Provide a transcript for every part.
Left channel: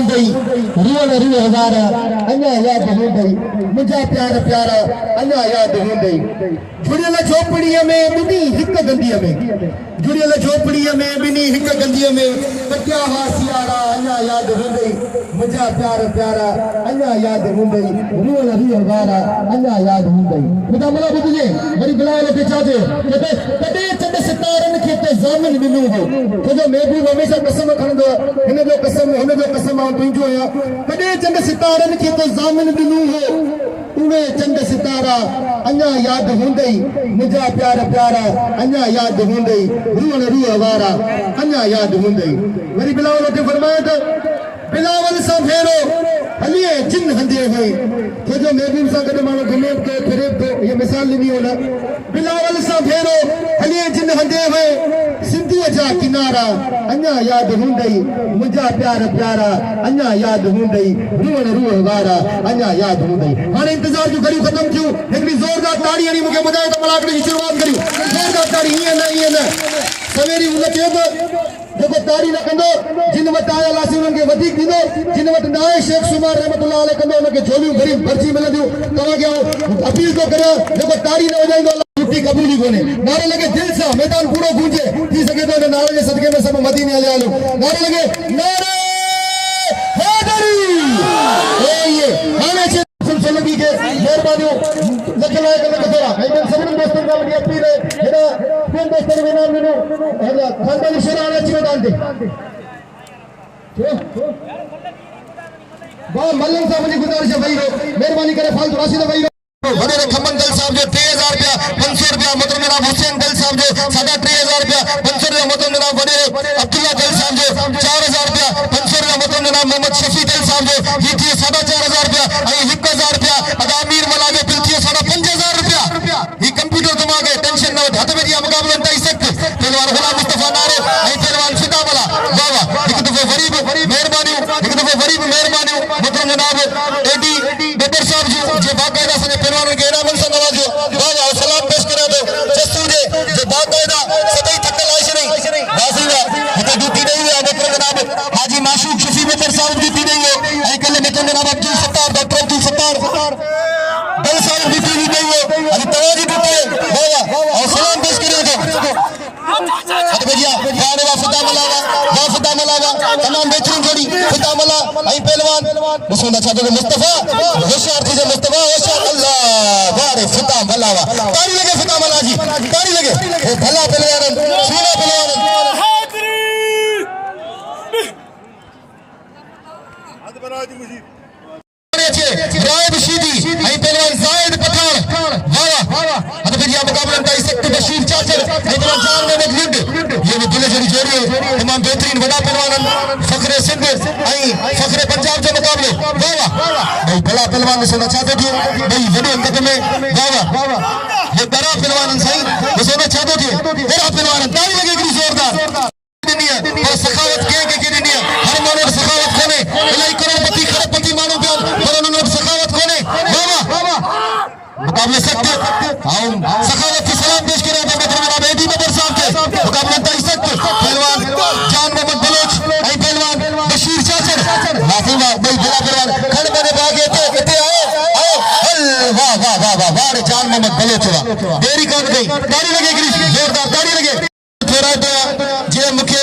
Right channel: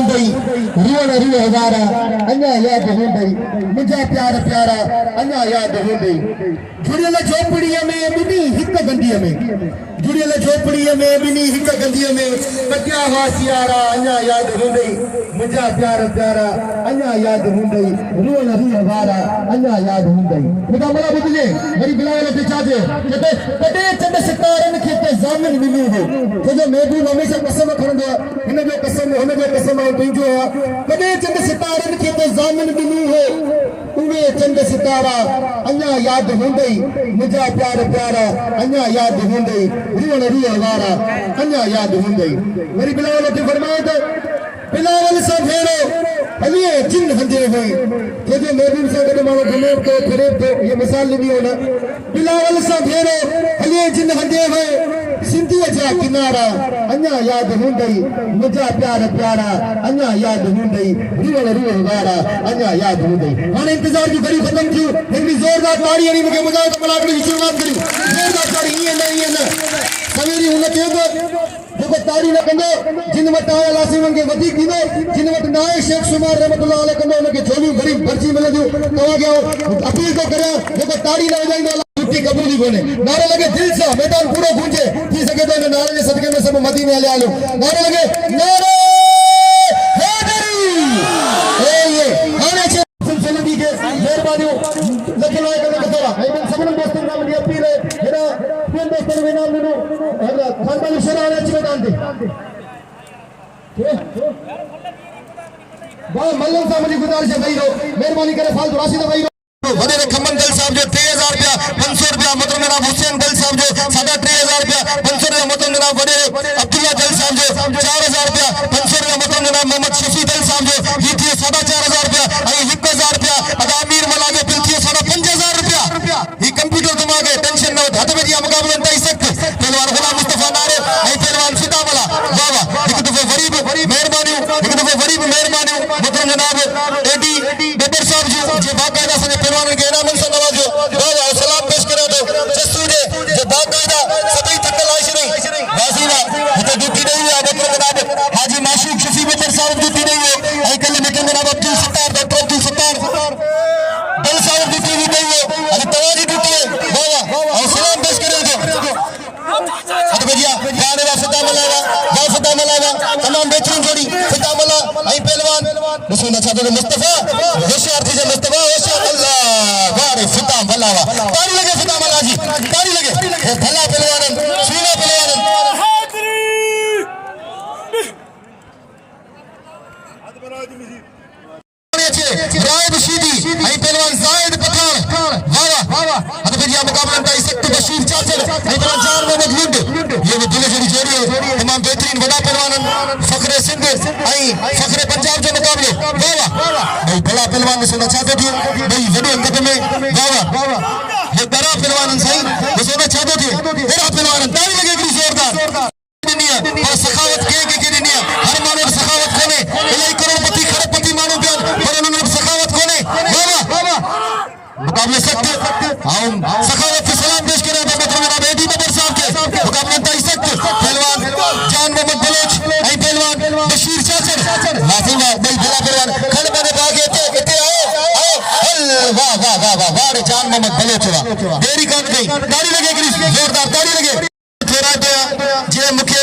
Hyundai रुअण रुअ हज़ारा अञा यादि Hyundai मुंहिंजा प्यार प्यारा अञा यादि हुंदई जुड़ियल झोपड़ीअ में ॿिन्ही हिक गंदीअ में जुड़ियल झोपड़ीअ में ॿिन्ही हिक गंदीअ में पटिया हा सियारा अञा यादि हुंदई मुंहिंजा प्यार प्यारा अञा यादि हुंदई रुअण रुअ हज़ारा अञा यादि हुंदई ख़ुदा मला ॿुधिजे वरी बिलावल खे छा थियो कॾहिं चंड सितारनि खे ते ज़ामिन ॾिनो हो छोजो महबूब हमेशह कसम खणंदो आहे हिन जो कसम हुन जो कसम आउं तुंहिंजो आहियां कॾहिं चंड सितारनि खे ते ज़ामिन ॾिनो हो उहे चंड सितारा अञा यादि हुंदई मुंहिंजा प्यार प्यारा अञा यादि हुंदई रुअण रुअ वारा अञा यादि हुंदई वरी बिलावल खे फरमायो त बिलावल सां भेरो हलिए जिन हंधे वई छोजो महबूब सां गॾु माण्हू घुमे थो फिरे थो इहा मिसाल ॾिनी हो न बिलावल सां भेरो हलिए जिन हंधे वई सिंधीअ जा किनारा अञा यादि हुंदई मुंहिंजा प्यार प्यारा अञा यादि हुंदई रुअण रुअ वारा अञा यादि हुंदई हाणे इंतज़ार जूं घड़ियूं ख़तम थियूं हिकिड़ी ज़ोरदार ताड़ी हणी मूंखे ॿुधायो त मलाखड़ी जी शुरूआत करियूं ज़ोरदार ताड़ी ईअं न सवेरी हुन चयो त जेको ताड़ी न कंदो जिन वटि आयल आहे उन्हनि खे वधीक ॾींदो जिन वटि न आहे शेख सूमर रहमतुल्लाह कंदो उनखे झोलियूं भरी भरिजी मिलंदियूं तव्हांखे अपील थो करियां जेको ताड़ी न वॼाईंदो कबूली कोन्हे नारो लॻे दिलि सां मैदान पूरो गूंजे थी सघे थो हिन नारे जे सदके में सभु मदीने हलिया हलूं नारो लॻे नारे हैदरी हाणे सिलसिले खे महिरबानियूं लख लाइक़ लख थोरा ऐं ॿियनि सभिनी दोस्तनि खां मुंहिंजी अपील आहे हेॾा ॿियनि दोस्तनि खे इनाम ॾिनो खानदानी शेरा हाणे अची मैदान ते भाउ मल्लम सां मुंहिंजी गुज़ारिश आहे वेही रहो महिरबानी करे फालतू राशि न वेही रहो वॾे खमन दिल साहब जो 3000 रुपया 500 रुपया मतलब जनाब हुसैन दिल साहब जो 3000 रुपया 500 रुपया मतलब जनाब वॾे अब्दुल्ला दिल साहब जो 4000 रुपया 500 रुपया मतलब जनाब मोहम्मद शफी दिल साहब जो ये थी 4500 रुपया ऐं 1000 रुपया अदा अमीर मला जो बिल थी 5000 रुपया ये कंप्यूटर दिमाग है टेंशन न हथ में दिया मुकाबला तई सख्त पहलवान गुलाम मुस्तफा नारो ऐं पहलवान सीता मला वाह वाह एक दफो वरी मेहरबानी एक दफो वरी मेहरबानी मतलब जनाब एडी बेबर साहब जो बाकायदा से पहलवानों के इनाम से नवाजो वाह सलाम पेश करा दो जस्तू जो बाकायदा सभी की तलाश नहीं वाजीवा तो ड्यूटी नहीं है मतलब जनाब हाजी माशूक शफी बेबर साहब ड्यूटी नहीं है ऐ कल मतलब जनाब अब्दुल सत्तार डॉक्टर अब्दुल सत्तार दिल साहब ड्यूटी नहीं है अभी तवाजी ड्यूटी है वाह सलाम पेश करेंगे अरे भैया गाने दा फता मलावा तमाम बेहतरीन जोड़ी फता मला ऐ पहलवान रसूल अच्छा जो मुस्तफा होशियार थी मुस्तफा होशियार अल्लाह वारे फता मलावा तारी लगे फता मला जी तारी लगे ये भला पहलवान सीना पहलवान हादरी हाथ बना दी मुझे राहिब शीदी ऐ पहलवान जायद पठान वाह वाह अरे भैया मुकाबला का सख्त बशीर चाचर इतना जान मोहम्मद लुंड ये भी दिल जड़ी जोड़ी है तमाम बेहतरीन बड़ा पहलवान फखरे सिंध ऐ फखरे पंजाब जो मुकाबले वाह भाई भला पहलवान से अच्छा थे भाई वडे अंगत में वाह ये बड़ा पहलवान इंसान जिसे अच्छा थे बड़ा पहलवान ताली लगे की जोरदार दुनिया ये सखावत के दुनिया हर माने सखावत कोने इलाई करोड़पति खरबपति मानो पे पर उन्होंने सखावत कोने वाह मुकाबले सकते हम सखावत की सलाम पेश करें जनाब एडी बदर साहब के मुकाबले तई सकते पहलवान जान मोहम्मद बलोच ऐ पहलवान बशीर चाचर माफूंगा भाई बड़ा पहलवान खड़ बने भागे तो इते आओ वाह वाह वाह वाह वाह जान मोहम्मद बलोच देरी कर गई ताली लगे की जोरदार ताली लगे थोड़ा जे मुखे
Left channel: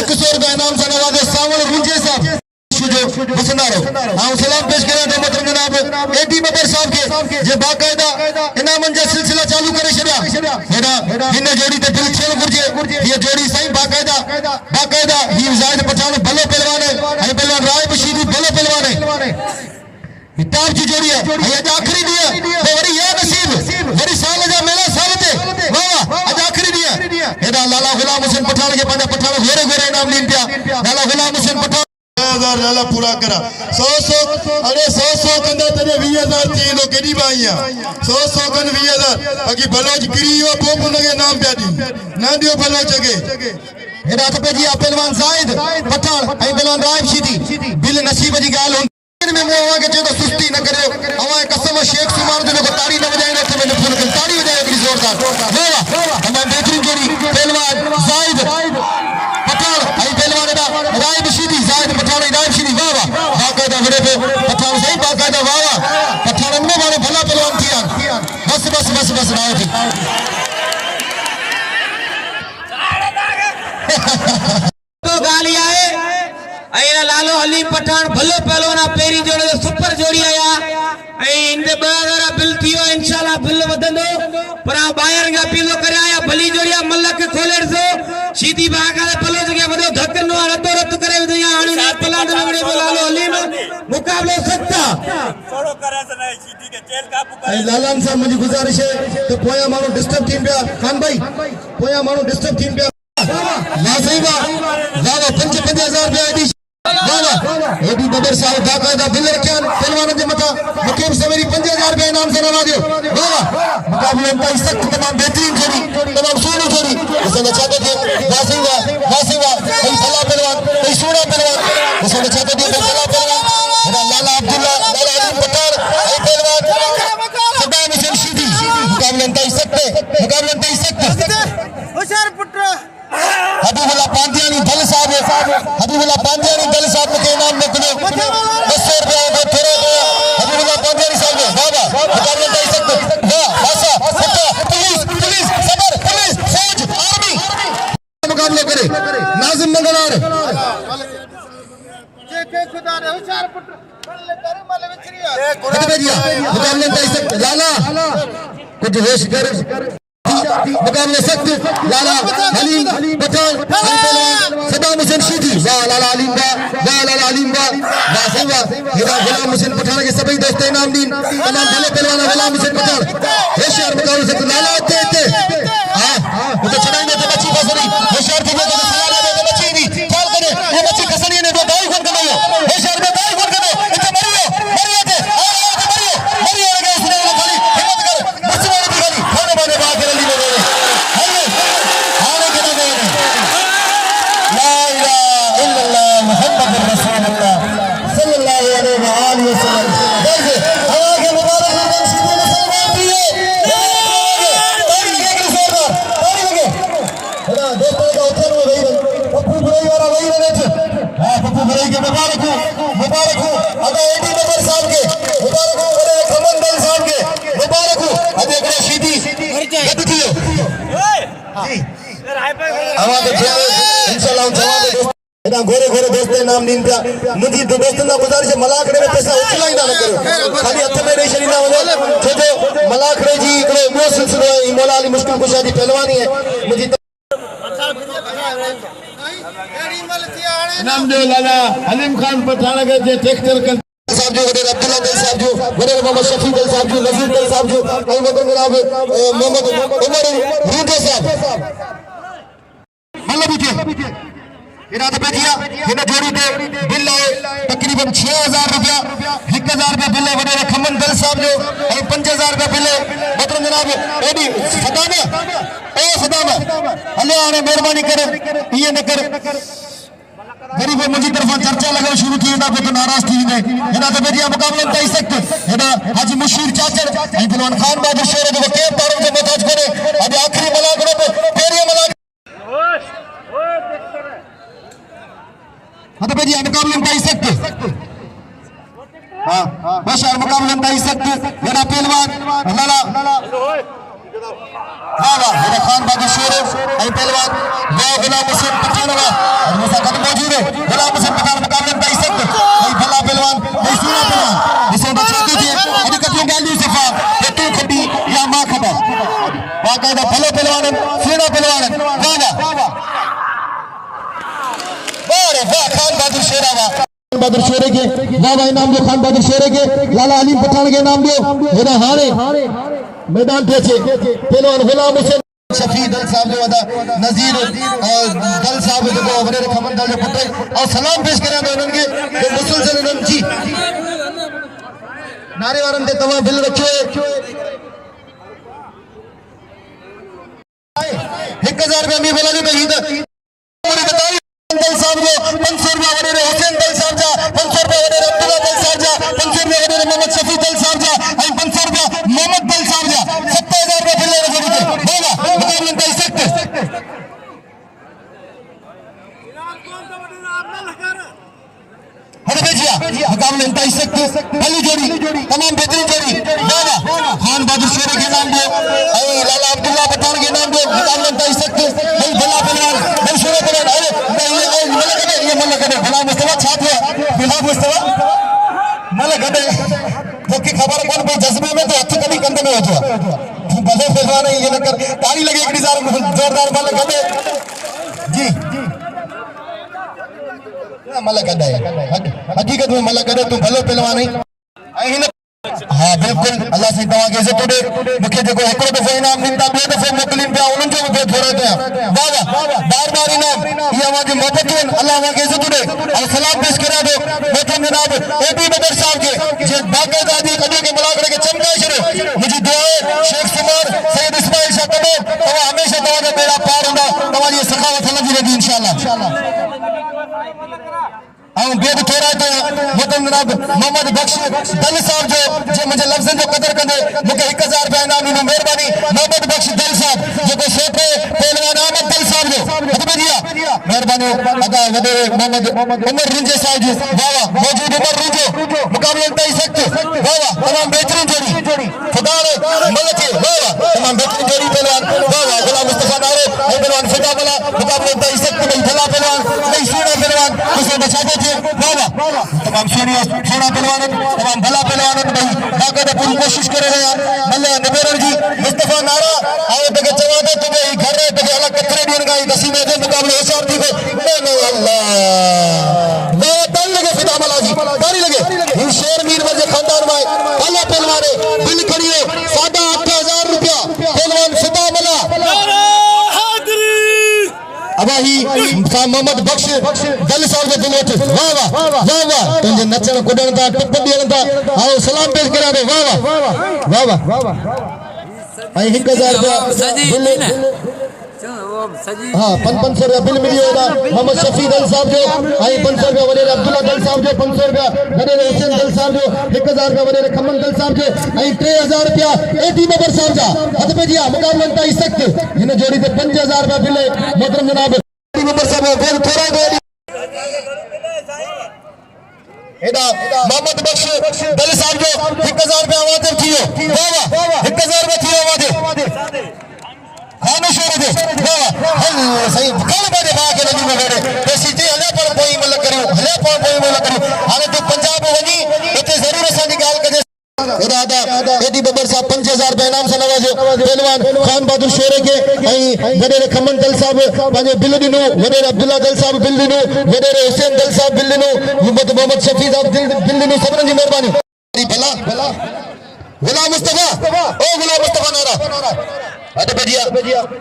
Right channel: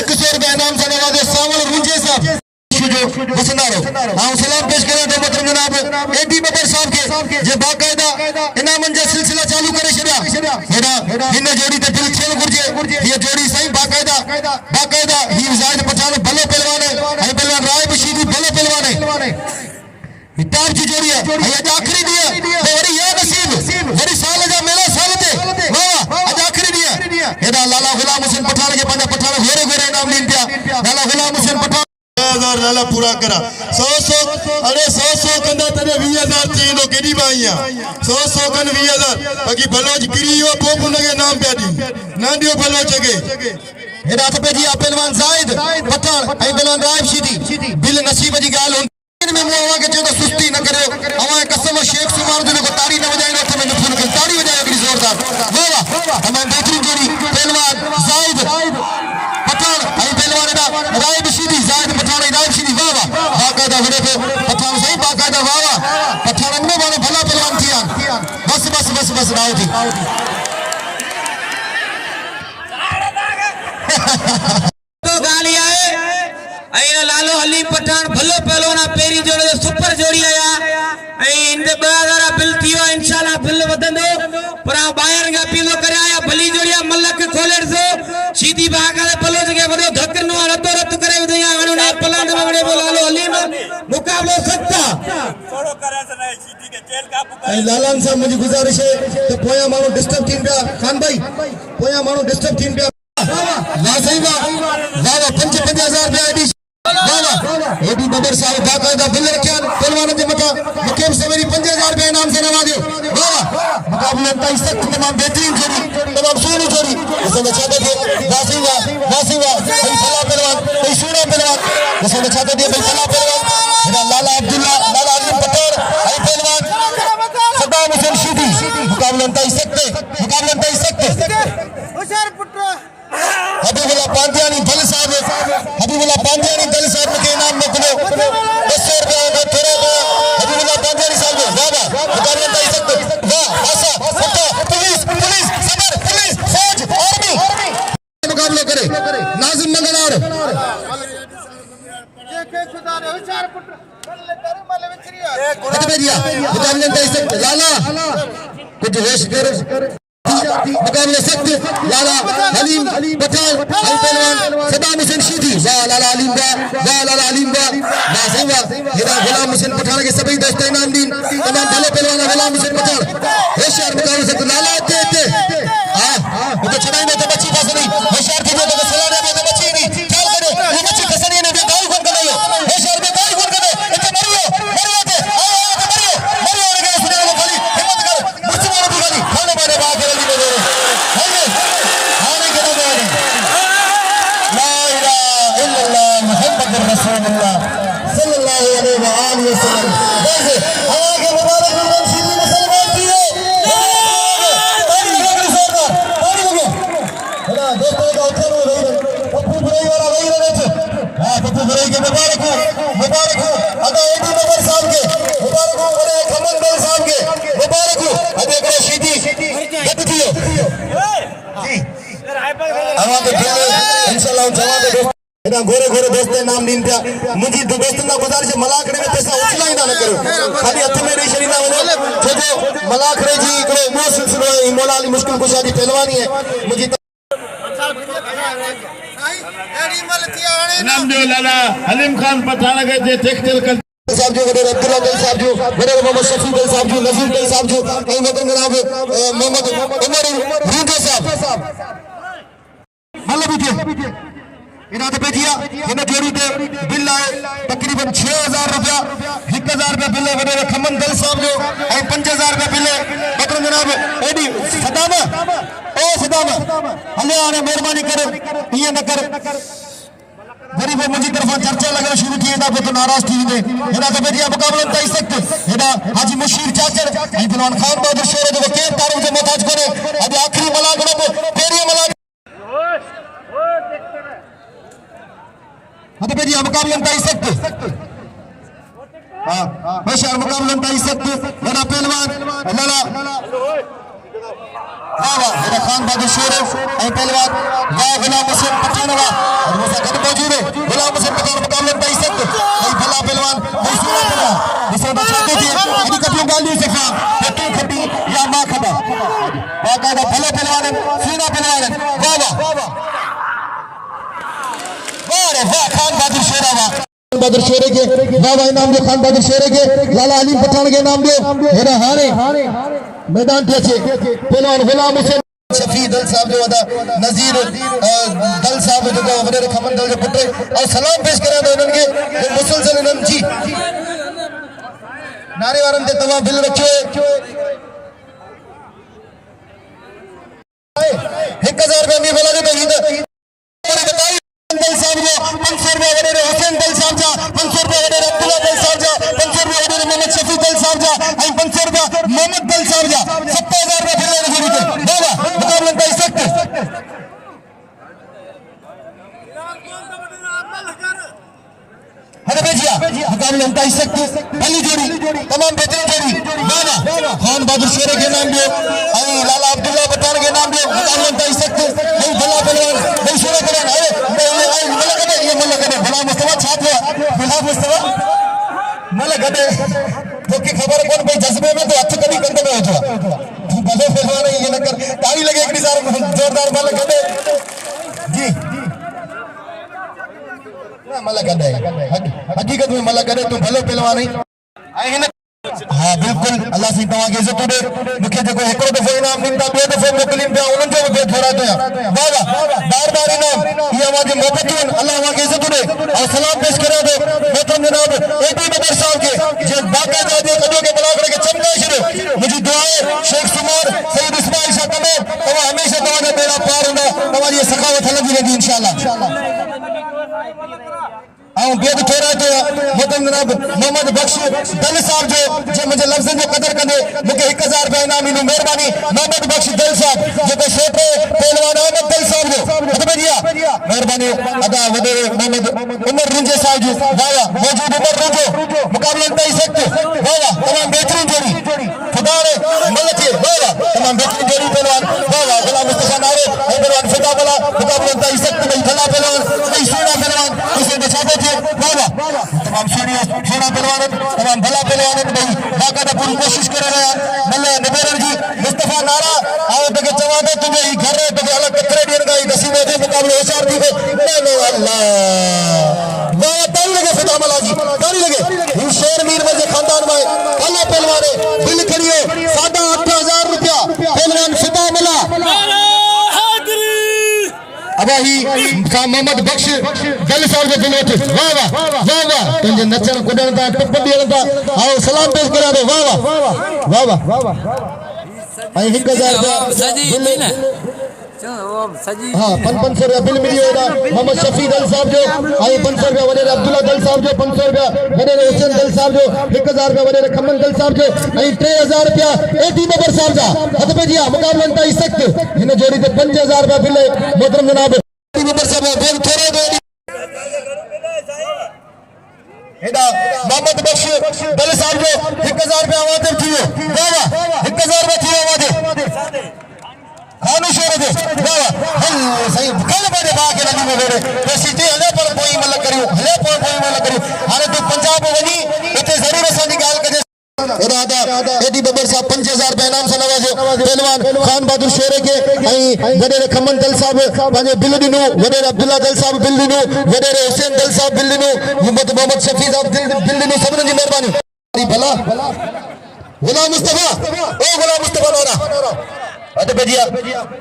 100 रुपया इनाम से नवाजे सावल रुंजे साहब जो बसनारो हां सलाम पेश करें तो मतलब जनाब एडी बदर साहब के जे बाकायदा इनामन जो सिलसिला चालू करे छड़ा हेडा इन जोड़ी ते दिल खेल गुरजे ये जोड़ी सही बाकायदा ही जायद पठान भले पहलवान है पहलवान राहिब शीदी भले पहलवान है टॉप की जोड़ी है ये आखिरी दी है बड़ी या नसीब बड़ी साल जा मेला साल ते वाह आज आखिरी दी है हेडा लाला गुलाम हुसैन पठान के पांडा पठान गोरे गोरे इनाम लीन पिया लाला गुलाम हुसैन पठान 1000 लाला पूरा करा 100 अरे 100 कंदा तने 20000 थी नो केडी बाईया 100 कन 20000 बाकी बलोच गिरियो पोप उनके नाम पे दी ना दियो बलोच के हेडा पे जी पहलवान जायद पठान ऐ पहलवान राहिब शीदी बिल नसीब जी गाल में मोहा के जो सुस्ती न करे हमारे कसम शेख सूमर दिनो को ताड़ी न बजाएगा तो मैंने फोन कर ताड़ी देगा जोरदार वाह तमाम बेहतरीन जोड़ी पहलवान जायद पठान ऐ पहलवान राहिब शीदी जायद पठान राहिब बस राव थी तो गाली आए अया लालो हलीम पठान भलो पहलवान पेरी जोड़े सुपर जोड़ी आया इंदे 2000 बिल थियो इंशाल्लाह बिल वदंदो पर बाहर का पीलो कराया भली जोड़िया मलक खोलेर सो सीधी भागा पलो जगे वडो धक्कनो रतो रत करे दिया आणु ना पलांड में वडे लालो हलीम मुकाबलो सत्ता थोड़ो करे से नहीं सीधी के जेल का ऐ लालन साहब मुझे गुजारिश है तो पोया मानो डिस्टर्ब थीन पिया खान भाई पोया मानो डिस्टर्ब थीन पिया ला सही वा ला 50,000 रुपया एडी बदर साहब बाकायदा बिल रखियान पहलवान के मथा मुकेम सवेरी 50,000 रुपया इनाम से नवाजो मुकाबले में सख्त तमाम बेहतरीन जोड़ी तमाम सोनी जोड़ी उसने चाहते थे वासिंगा हम फला पहलवान कोई सोना पहलवान उसने चाहते थे फला पहलवान लाला अब्दुल्ला लाला अली पठान आई पहलवान सलाम शेदी मुकाबले में सकते होशियार पुत्र हबीबुल्लाह पांडियानी दल साहब के नाम में किलो 200 रुपया दो थोड़े दो हबीबुल्लाह पांडियानी साहब वादा मुकाबले में सकते वाह भाषा सत्ता पुलिस सदर पुलिस फौज आर्मी मुकाबले करे नाजिम मंगलार के खुदा रे होशियार पुत्र बल्ले कर माले विचरिया मुकाबले में सकते लाला कुछ होश कर मुकाबले सकते लाला हलीम पठान आई पहलवान सलाम शेदी लाला अलीम दा वासिंगा ये गुलाम हुसैन पठान के सभी दोस्त इनाम दीन तमाम भले पहलवान गुलाम हुसैन पठान होशियार मुकाबले से लाला ते हां वो चढ़ाई में तो बच्ची फसरी होशियार के तो सलाम में तो बच्ची नहीं ख्याल करे वो बच्ची कसरी ने तो गाय खोल कर दो होशियार में गाय खोल कर दो इतना मरियो थे मरियो लगा सुना खाली हिम्मत कर मचवाने की गाली खाने मारे बात कर ली मेरे खाने के ना गए ला इलाहा इल्लल्लाह मुहम्मदुर रसूलुल्लाह सल्लल्लाहु अलैहि वसल्लम देखिए हवा के मुबारक गुरबान सीधी मुसलमान दिए पानी लगे खुदा देखो का उठन में गई पप्पू बुराई वाला वही रहे थे हां पप्पू बुराई के मुबारक हो अदा एडी नंबर साहब के मुबारक हो अरे खमन दल साहब के मुबारक हो अदे को सीधी गद थी जी हवा के इंशाल्लाह जवाब दे एदा गोरे दोस्त नाम नीन पिया मुझी दोस्तन का गुजारिश मलाखरे में पैसा उछला ही ना करो खाली हथ में रेशनी ना हो छो जो मलाखरे जी इकड़ो वो सिलसिलो है मौला अली मुश्किल कुशा जी पहलवानी है मुझी नाम जो लाला हलीम खान पठान के जे टेक्सटाइल साहब जो वडे अब्दुल्ला दल साहब जो वडे मोहम्मद शफी दल साहब जो नजीर दल साहब जो कई वतन जनाब मोहम्मद उमर रूदे साहब मतलब भी इरादे पे दिया इन जोड़ी ते बिल आए तकरीबन 6000 रुपया 1000 रुपया बिल वडे खमन दल साहब जो और 5000 रुपया बिल बतन जनाब एडी सदामा हले आने मेहरबानी करे ये न कर गरीब मुझी तरफा चर्चा लगा शुरू की ना पे तो नाराज थी ने एना तो बेटिया मुकाबले में सकते एना हाजी मुशीर चाचर इरफान खान बहादुर शेर जो के तारों से मताज करे अब आखिरी मलाखड़ो पे तेरी मलाख हां तो बेटिया मुकाबले में सकते हां बशर मुकाबले में सकते एना पहलवान लाला मेरा खान बहादुर शेर और पहलवान गुलाम हुसैन पठान और मुसा कद मौजूद है गुलाम हुसैन पठान मुकाबले में सकते भाई भला पहलवान भाई सूरा पहलवान जिसे बचाते थे इनकी कभी गाली सफा तू खटी या मां खबा बाकायदा भलो पहलवान सूरा पहलवान वाह खान बहादुर शेरा बहादुर शेरे के वाह इनाम दो खान बहादुर शेरे के लाला अली पठान के नाम दो हेरा हारे मैदान पे पहलवान गुलाम हुसैन शफी दल साहब जो वादा नजीर दल साहब जो वडे खमन दल जो पुटे और सलाम पेश करें तो उनके मुसलसल उन्हनि जी नारे वारन ते तवा बिल रखियो 1000 रुपया भी बोला तो ईद दल साहब जो 500 रुपया वडे हुसैन दल साहब जा 500 रुपया वडे अब्दुल्ला दल साहब जा 500 रुपया वडे मोहम्मद शफी दल साहब जा 500 रुपया मोहम्मद दल साहब जा 70,000 रुपया बिल रखियो बोला मुकाबले में सकते हरे बेजिया मुकाबले मुकाबले इंतहाई सख्त पहली जोड़ी तमाम बेहतरीन जोड़ी वाह खान बहादुर शेर के नाम दो और लाला अब्दुल्ला पठान के नाम दो मुकाबले इंतहाई सख्त नहीं भला पहलवान नहीं शेर पठान ये मलक भला मुस्तफा छात्र बिला मुस्तफा मलक तो की खबर कौन भाई जज्बे में तो हथ कभी कंधे में हो जाए भले पहलवान है ये नकर ताली लगे एक जोरदार मलक जी मलक हकीकत में मलक तू भलो पहलवान हाँ बिल्कुल अल्लाह से तव्हां खे इज़त ॾे मूंखे जेको हिकिड़ो दफ़ो इनाम ॾींदा ॿियो दफ़ो मोकिलीनि पिया उन्हनि जो बि थोरा कयां वाह वाह बार इनाम इहे अवां मोहबतूं आहिनि अल्लाह अवां खे इज़त ॾे ऐं सलाम पेश करियां थो मोहतरम जनाब एपी बदर साहब खे जीअं बाक़ाइदा जे कॾहिं खे मलाखड़े खे चमकाए छॾियो मुंहिंजी दुआ आहे शेख सुमार सैयद इस्माइल शाह कमो तव्हां हमेशह तव्हांजा बेड़ा पार हूंदा तव्हांजी सखावत हलंदी रहंदी इंशाअल्लाह ऐं ॿियो बि थोरा कया मोहतरम जनाब मोहम्मद बख्श दल साहब जो मुंहिंजे लफ़्ज़नि जो क़दुरु कंदे मूंखे 1000 रुपया इनाम ॾींदो महिरबानी मोहम्मद बख्श दल साहब जेको छोटे पहलवान अहमद दल साहब जो हथ में दिया महिरबानी अदा वॾे मोहम्मद उमर रिंजे साहब जी वाह वाह मौजूद उमर रिंजो मुक़ाबले इंतहाई सख्त वाह वाह तमाम बेहतरीन जोड़ी खुदा ने मदद थी वाह वाह तमाम बेहतरीन जोड़ी पहलवान वाह वाह गुलाम मुस्तफा नारे पहलवान फिदा वाला मुक़ाबले इंतहाई सख्त में भला पहलवान नहीं सोना पहलवान उसे बचाते थे वाह वाह तमाम सोना पहलवान तमाम भला पहलवान भाई बाकायदा पूरी कोशिश कर रहे हैं मल्ला नबेरन जी मुस्तफा नारा आओ तके चवा दे तुझे ही घर रे तके अलग कतरे ॾियण का नसीबे दे मुक़ाबले होशियार थी वे न अल्लाह वाह ताली लगे फिदा मला जी ताली लगे ही शेर मीर मजे खानदान में भला पहलवान दिल करिए 8000 रुपया पहलवान फिदा मला अबाही मोहम्मद बख्श दल साहब जो दिलो थे वाह वाह वाह वाह तुझे नचण कुॾण था टुप ॾियण था आओ सलाम पेश करा दो वाह वाह वाह वाह वाह वाह ऐं 1000 रुपया हाँ 500 रुपया बिल मिली होगा मोहम्मद शफी दल साहब जो आई 500 रुपया वॾे अब्दुल्ला दल साहब जो 500 रुपया वॾे हुसैन दल साहब जो 1000 रुपया वॾे खमन दल साहब जो ऐं 3000 रुपया एटी नंबर साहब जा हथ में दिया मुक़ाबले इंतहाई सख्त हिन जोड़ी ते 5000 रुपया बिल मोहतरम जनाब एटी नंबर साहब बेल थोरा दो एडा मोहम्मद बख्श दल साहब जो 1000 रुपया वाजिब थियो वाह वाह 1000 रुपया थियो वाजिब खानो शुरू दे वाह सही कल बड़े बा के नबी में बेड़े ऐसी ते हले पर कोई मल करियो हले पर कोई मल करियो हाले तो पंजाब वनी इते जरूर असांजी गाल कजे दादा एडी बबर साहब 5000 रुपया इनाम सां नवाजो पहलवान खान बहादुर शेर के वडे खमन दल साहब पंहिंजे बिल ॾिनो वडे अब्दुल्ला दल साहब बिल ॾिनो वडे हुसैन दल साहब बिल ॾिनो मोहम्मद शफी साहब बिल ॾिनो सभिनी जी महिरबानी भला गुलाम मुस्तफा नारा अद बजिया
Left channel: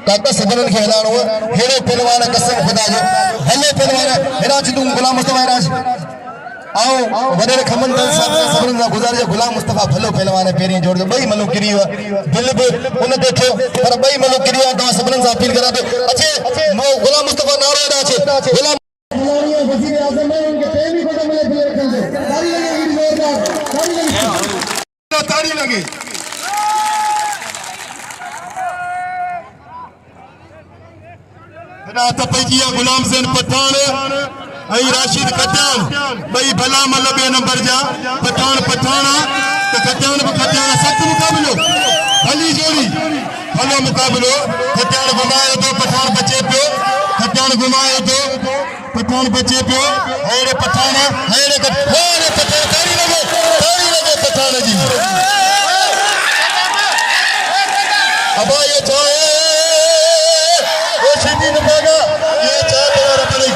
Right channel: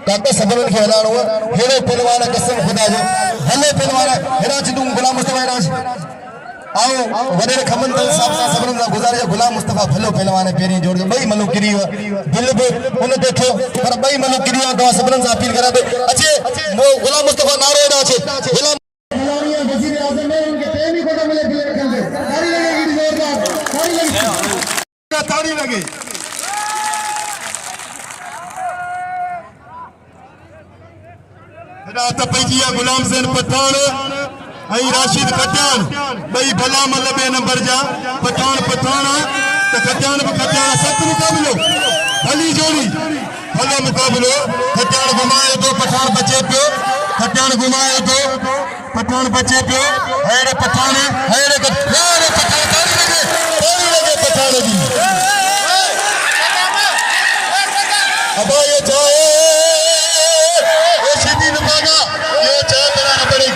काका सबरन के हलाणो हेड़े पहलवान कसम खुदा जो हले पहलवान हेरा चिदू गुलाम मुस्तफा हेरा आओ वडे खमन दल साहब सबरन का गुजारिश गुलाम मुस्तफा भलो पहलवान पेरी जोड़ दो बई मनु किरी दिल भी उन देखो पर बई मनु किरी तो सबरन से अपील करा दे अच्छे गुलाम मुस्तफा नारो हेड़ा अच्छे गुलाम वजीर आजम में उनके पहली फोटो मिले दिल रखेंगे ताड़ी लगे रात पैजिया गुलाम हुसैन पठान आई राशिद कत्यान भाई भला मतलब बे नंबर जा पठान तो कत्यान सत मुकाबलो भली जोड़ी भलो मुकाबलो कत्यान घुमाए तो पठान बचे पियो कत्यान घुमाए तो पठान बचे पियो हेड़े पठान हेड़े पठान लगे पठान जी अब ये चाहे सीधी नमागा ये चाहे तुम्हारा पड़ी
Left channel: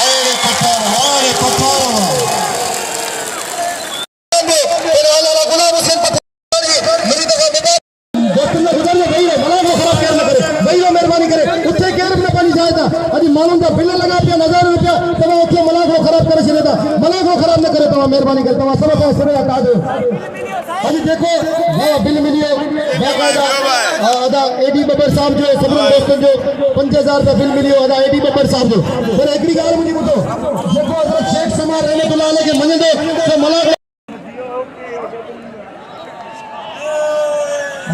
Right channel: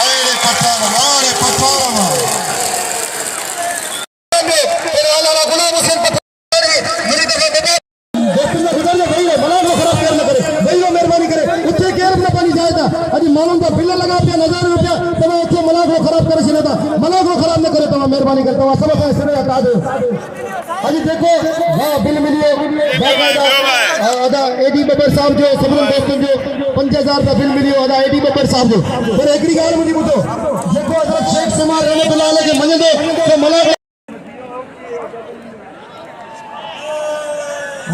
अरे पठान तेरे अलावा गुलाम हुसैन पठान मेरी दफा बेटा दोस्त ने गुजर ले भाई मलाखरो खराब केयर न करे भाई वो मेहरबानी करे उत्ते केयर न पानी जाएगा अभी मालूम का बिल लगा पे 1000 रुपया तब उत्ते मलाखरो खराब करे छे था मलाखरो खराब न करे तो मेहरबानी करे तो सब पे सिरे हटा दो अभी देखो वो बिल मिलियो अदा एडी बबर साहब जो सबरन दोस्तों जो 5000 रुपया बिल मिलियो अदा एडी बबर साहब जो फिर एकड़ी गाल मुझे बुतो देखो अगर शेख समार रहमतुल्लाह के मने दो तो मलाखरो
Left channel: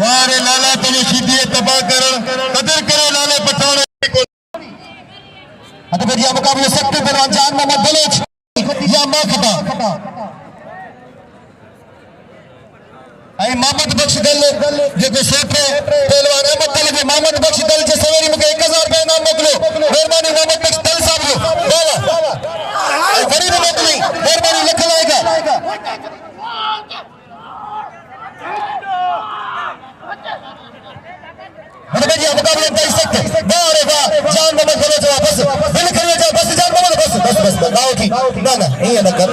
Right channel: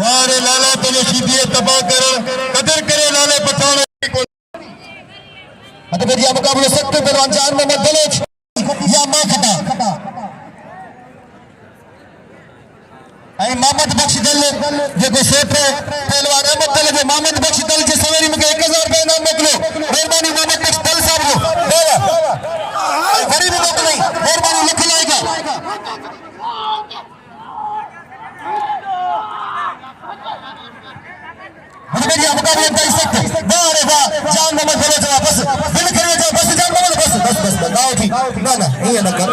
वारे लाला तेरे सीधी तबाह करो कदर करो लाले पठान अत बजिया मुकाबले सख्त पहलवान जान मोहम्मद बलोच या मां खटा मोहम्मद बख्श दल जेको सोटे पहलवान अहमद दल के मोहम्मद बख्श दल जे सवेरी मुके 1000 रुपया इनाम मोकलो मेहरबानी मोहम्मद बख्श दल साहब को गरीब मोकली मेहरबानी लिख लाएगा मुकबला मुकाबले में सकते वाह रे वाह जान नंबर करो जा बस दिल करिए जा बस जान नंबर बस गाओ की ना ये न कर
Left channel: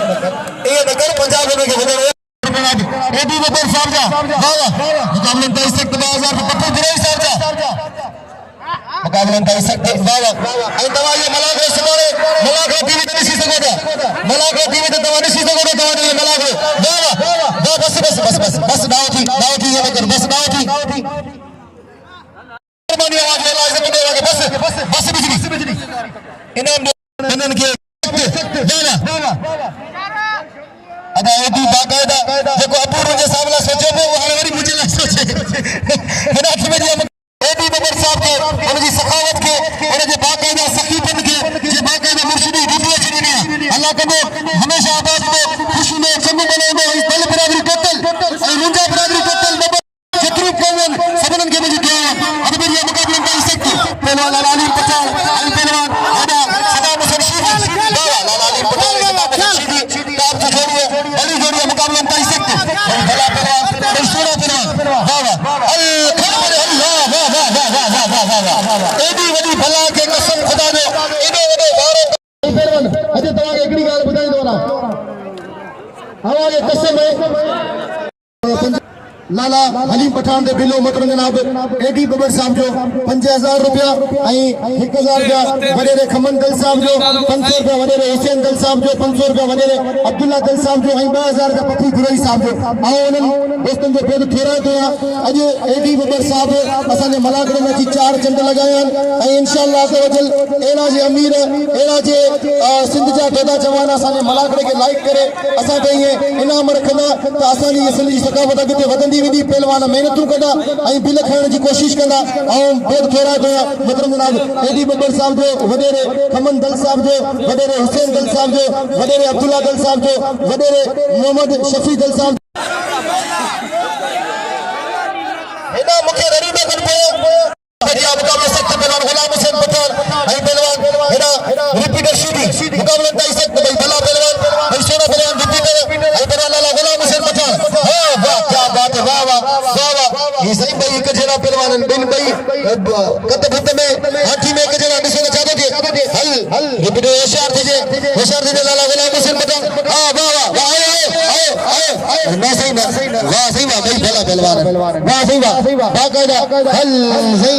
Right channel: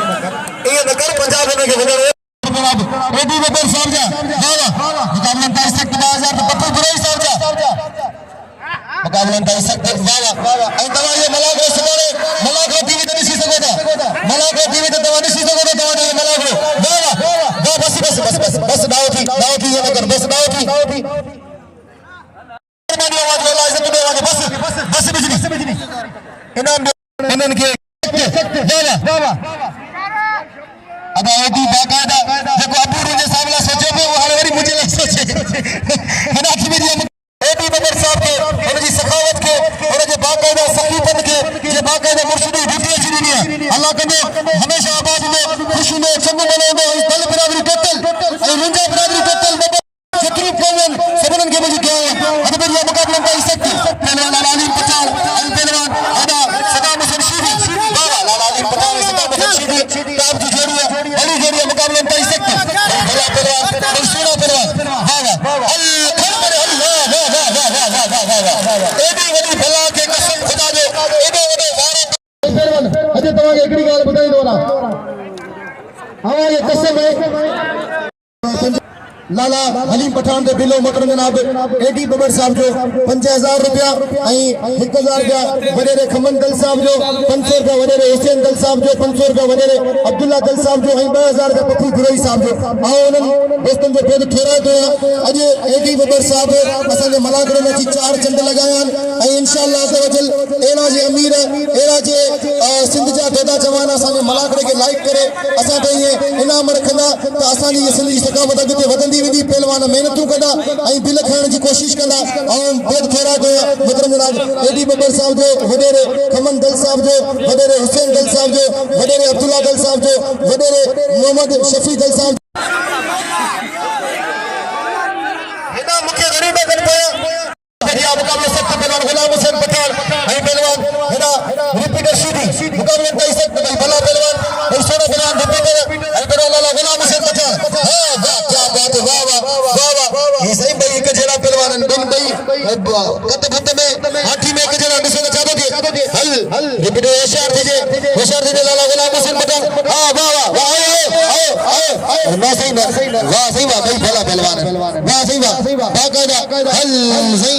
पंजाब में के बदल एडी बबर साहब जा मुकाबला में सकते 2000 पत्थर बुराई साहब जा मुकाबला में सकते वाह आई दवा ये मलाखरो सुमारे मलाखरो टीवी ते निसी सको था मलाखरो टीवी ते दवा निसी सको था दवा ने मलाखरो वाह बस दाओ की ये न कर बस दाओ की आवाज वाला जमीन वाला बस बिजली इनाम इनन के वाह अदा एडी बाकायदा जेको अपूर्व जे सामने सोचो पे वो हरी मुझे लग सोचे हना की में एडी बबर साहब के उनकी सखावत के उनके बाकायदा सकीपन के जे बाकायदा मुर्शिदी वीडियो अल्लाह करे हमेशा आबाद में खुशी में चंग बने में दल बराबरी टोटल ए मुंजा बराबरी टोटल बबर शत्रु कौन सबनन के मुझे के अब मेरी मुकाबला में सकती पहलवान लाला रहीम पठान पहलवान आदा सलाम कोश बाबा लाला रहीम पठान सलाम कोश ताब जो जोड़ी बड़ी जोड़ी मुकाबला में सकती भला पहलवान सोना पहलवान बाबा वाह एडी वडी भला के कसम खुदा दे एडो वडो वारो पहलवान अजे तवा के एकड़ी गाल बताई दो ना हमारी कसम है लाला हलीम पठान दे बिलो मतरन जनाब एडी बबर साहब जो 5000 रुपया 1000 रुपया वडेरे खमन दल साहब जो 500 रुपया वडेरे हुसैन दल साहब जो 500 रुपया वडेरे अब्दुल्ला दल साहब जो 2000 रुपया पथी गुरई साहब जो उन्हन दोस्तन जो पेद थोरा तो अज एडी बबर साहब असन जे मलाखरो में 4 चंद लगाया इंशाअल्लाह तवजल एना जे अमीर एना जे सिंध जा पैदा जवान असन मलाखरे के लाइक करे असा ते इनाम रखना तो असन जी सिंधी सकावत अगे वदंदी विधि पहलवान मेहनतू कंदा दिल खाइण जी कोशिश कंदा पेद थोरा कया मतलब जनाब एडी बबर साहब जो वडेरे खमन दल साहब जो वडेरे हुसैन दल साहब जो वडेरे अब्दुल्ला दल साहब जो वडेरे मोहम्मद शफी दल साहब हेना मुखे गरीब कर पया मुकाबले सकते पहलवान गुलाम हुसैन पठान पहलवान हेना रिपीटर सीधी मुकाबले में सकते भाई भला पहलवान सोना पहलवान रिपीटर पहलवान लाला गुलाम हुसैन पठान वाह क्या बात है वाह ये सही भाई एक जरा पहलवान बिन भाई कत भित में हाथी में एक जरा दिसना चाहते थे हल रिपीटर होशियार थे लाला गुलाम हुसैन पठान वाह आए ना सही वाह भाई भला पहलवान वाह सही वाह बाकायदा हल सही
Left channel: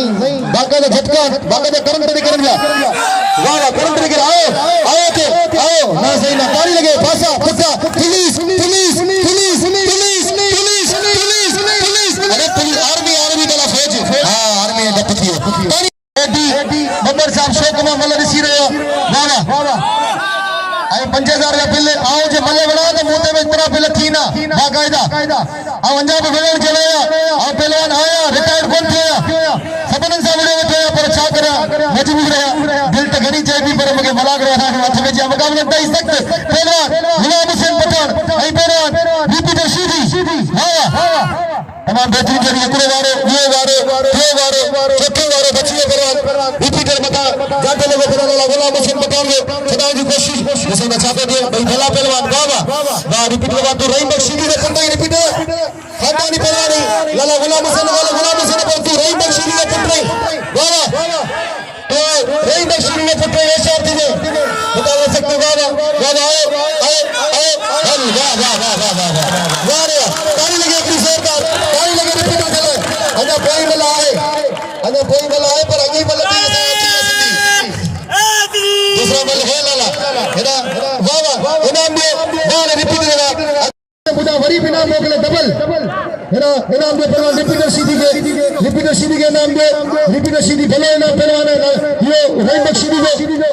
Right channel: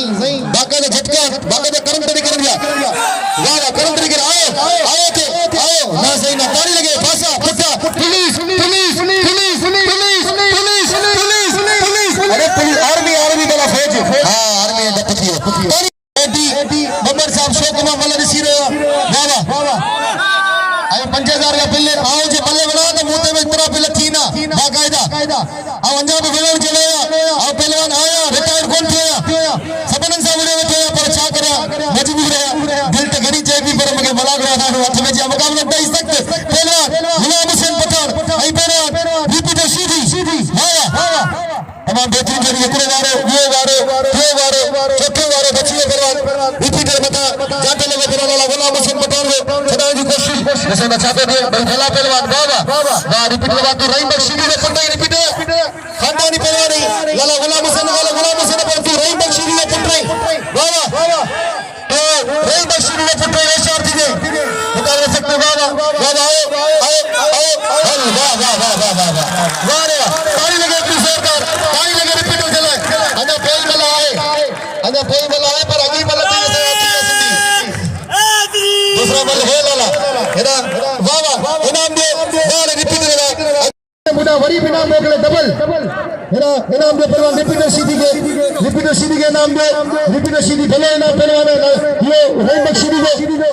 बाकायदा झटका बाकायदा करम तरीके कर दिया वाह करम तरीके आओ ना सही ना ताली लगे फासा फुटा पुलिस अरे पुलिस आर्मी वाला फौज हां आर्मी बटकी एडी बबर साहब शोक में मल दिसी रहे वाह 5000 का बिल आओ जे मले बना तो मुंह में इतना बिल थी ना बाकायदा अंजा पे विलन चले पहलवान आया रिटायर कोन थिया सबनन सा वीडियो थे पर छा करा मजबूर रहा दिल तो घणी चाहिए पर मके मलाखरो हथ में जा मुकाबले में सकते पहलवान गुलाम हुसैन पठान पहलवान रिपीटर सीधी तमाम बेहतरीन जरिए एकड़ो वारो चौथे वारो बचिए पहलवान रिपीटर मता जाते लोग पहलवान गुलाम हुसैन पठान को सदा जी कोशिश जैसे मैं चाहते थे भाई भला पहलवान वाह रिपीटर बात तो रहीम बख्शी ने पंडा रिपीटर खानदानी पहलवान लाला गुलाम हुसैन पर तू रहीम बख्शी ने पंडा वाह तो रहीम बख्शी ने पंडा होशियार थी मुकाबले सकते वाह रे ताली लगे एक दूसरे का ताली लगे रिपीटर चले अंदर कोई बला आए पर अगली बल दूसरा बल है लाला हेना वाह इनाम दे बोल रिपीटर मुदा वरी बिना मोकले डबल हेना इनाम दे पहलवान रिपीटर सीधी के नाम दे रिपीटर सीधी भले ना पहलवान ये रहीम बख्शी को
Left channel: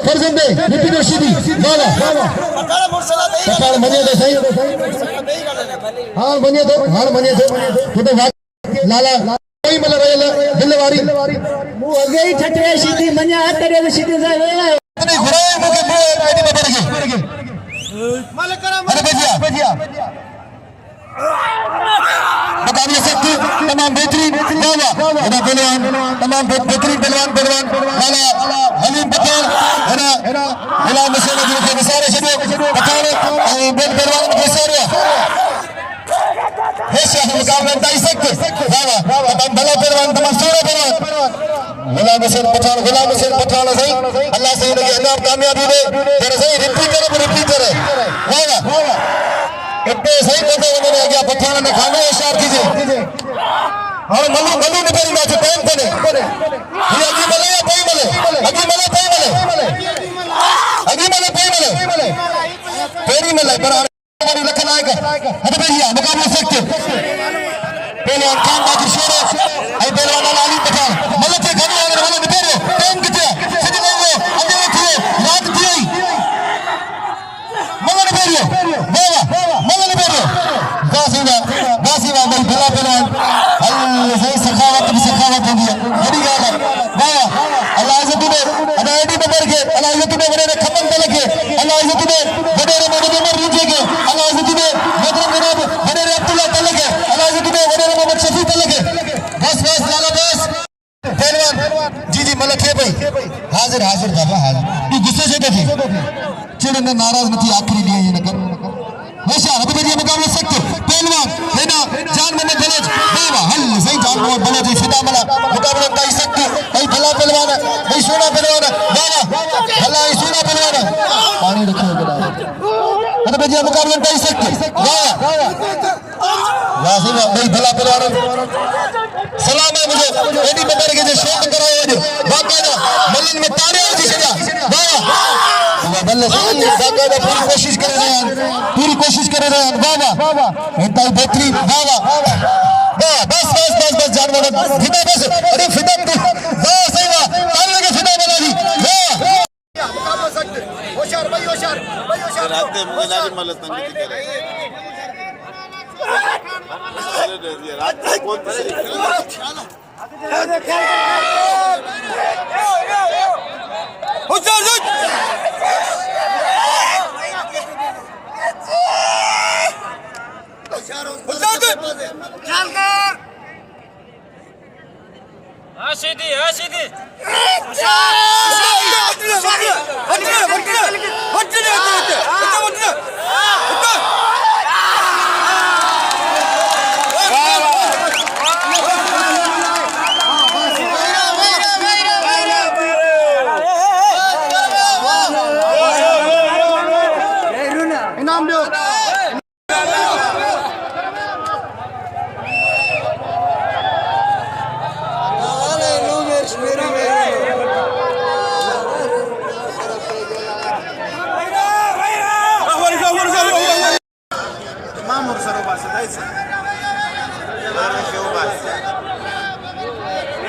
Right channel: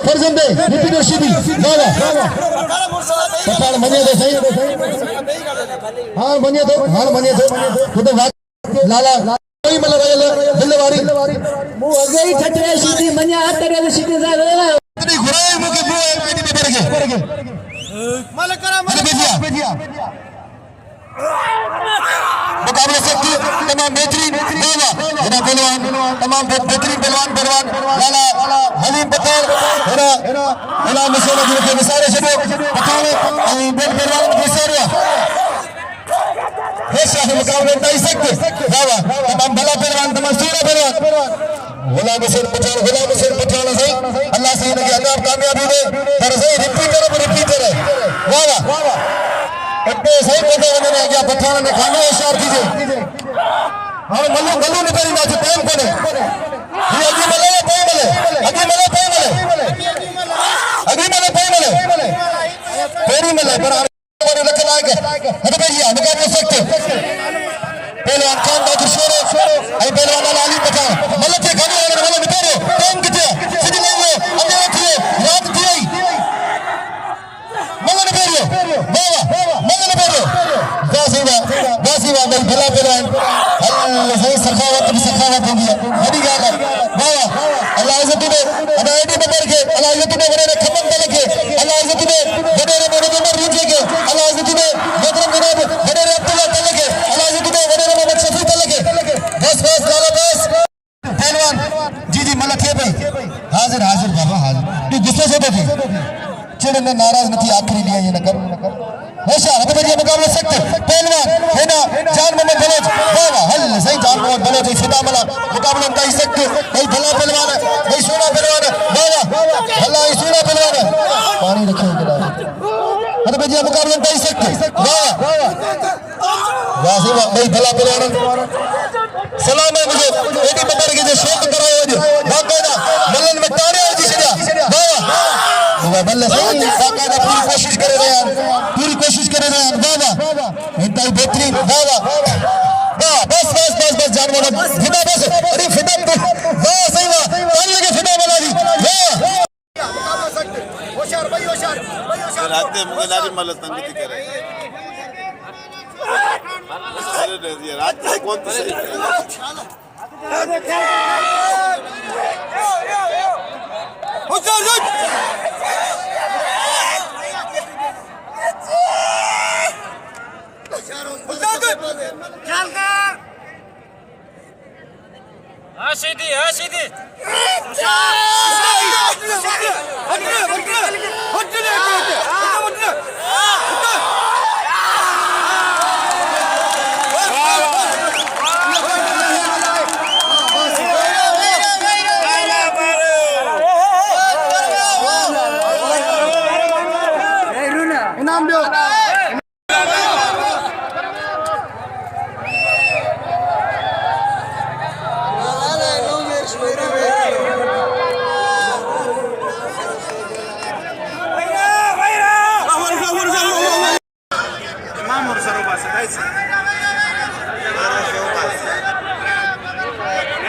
फर्जंद है रिपीटर सीधी वाह पठान मने दे सही हां मने दे खुद लाला कोई मल दिलवारी मु अगे ही ठटरे सीधी मने हटरे सीधी सा इतनी घुराए मके मो एडी बबर भजिया मुकाबले से तमाम बेहतरीन पहलवान तमाम बेहतरीन पहलवान लाला हलीम पठान गुलाम हुसैन के विसारे छो पठान बेन पहलवान विसारे हेशा मुकाबले ताई सकते तमाम भले पहलवान तमाम सोना पहलवान गुलाम हुसैन पठान सही अल्लाह से इनके अनाम कामयाबी दे तर सही रिपीटर वाह इतने सही पता उन्होंने गया पठान ने खाने इशार कीजिए और मल्लू ने पहली मैच टाइम करे ये अभी मले या पाई मले तेरी मले पर हमारे लखन आएगा अरे भैया मुकाबला सकते पहला खान का किशोर आई पहला वाला अली पठान मले के खाने वाले वाले निपरे टाइम कितना सही लोगो अबे थी रात थी मले निपरे बासीवा भाई भला पहलवान अल्लाह सही सखावत होगी बड़ी बात है वाह अल्लाह इज्जत दे अल्लाह एडी नंबर के अल्लाह इज्जत दे बड़े खत्म तले के अल्लाह इज्जत दे बड़े रीजे के अल्लाह इज्जत दे बड़े अब्दुल्ला तले के अल्लाह इज्जत दे बड़े मोहम्मद शफी तले के बस लाला बस पहलवान जी मलखे भाई हाजिर बाबा हाजिर तू गुस्से से देखी चिड़ में नाराज नहीं आखिरी लिया ये न कर हमेशा हद बजिया मुकाबला सकते पहलवान है ना जान मोहम्मद बलोच वाह हल सही जान मोहम्मद बलोच फिदा मला मुकाबला कर सकते भाई भला पहलवान है भाई सोना पहलवान है वाह भला सोना पहलवान है पानी रखिए इधर हद बजिया मुकाबला कर सकते वाह वाह भाई भला पहलवान सलाम है मुझे एडी नंबर के जो शॉट करवाए बाकायदा मल्लन में तारे हो जिसका वाह बल्ला सही बाकायदा पूरी कोशिश कर रहे हैं वाह इंतहाई बेहतरीन वाह बस जान मोहम्मद फिदा बस अरे फिदा वाह सही वाह तालियों के फिदा बना दी वाह मुकाबला सकते होशियार रात में मुगलारी मलत तंग की तरह अरे दे दिया रात कौन सी सीधी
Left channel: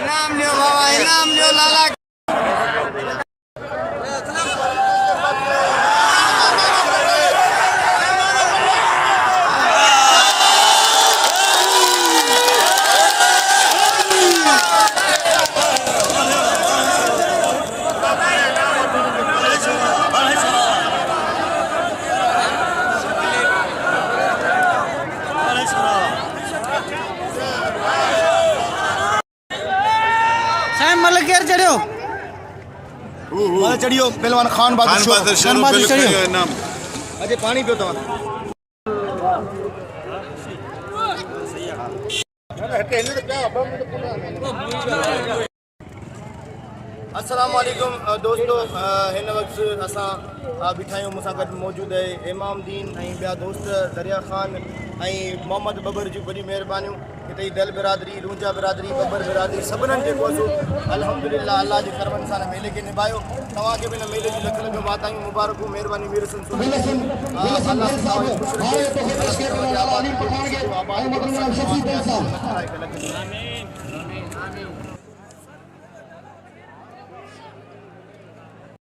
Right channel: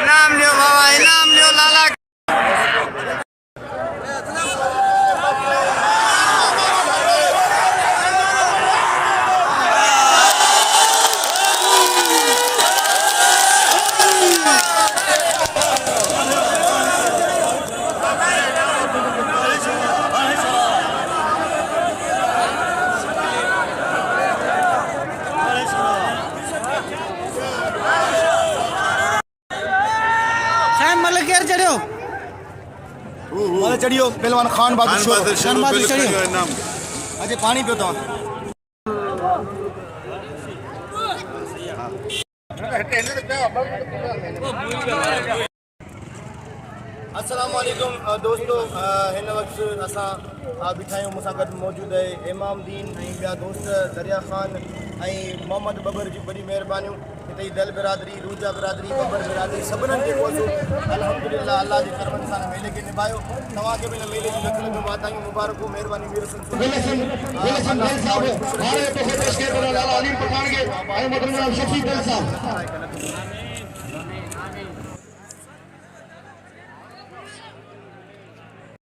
इनाम लियो लाला चढ़ियो पहलवान खान बहादुर चढ़ियो अजय पानी पियो तो अस्सलाम वालेकुम दोस्तों हिन वक्त असा बिठायो मुसा गड मौजूद है इमाम दीन बिया दोस्त दरिया खान मोहम्मद बबर जी बड़ी मेहरबानी हिते दल बिरादरी रूजा बिरादरी बबर बिरादरी सबनन के कोसो अल्हम्दुलिल्लाह अल्लाह जे करमन सां मेले के निभायो तवा के बिन मेले जी लखन के वातायूं मुबारक मेहरबानी वीर सुन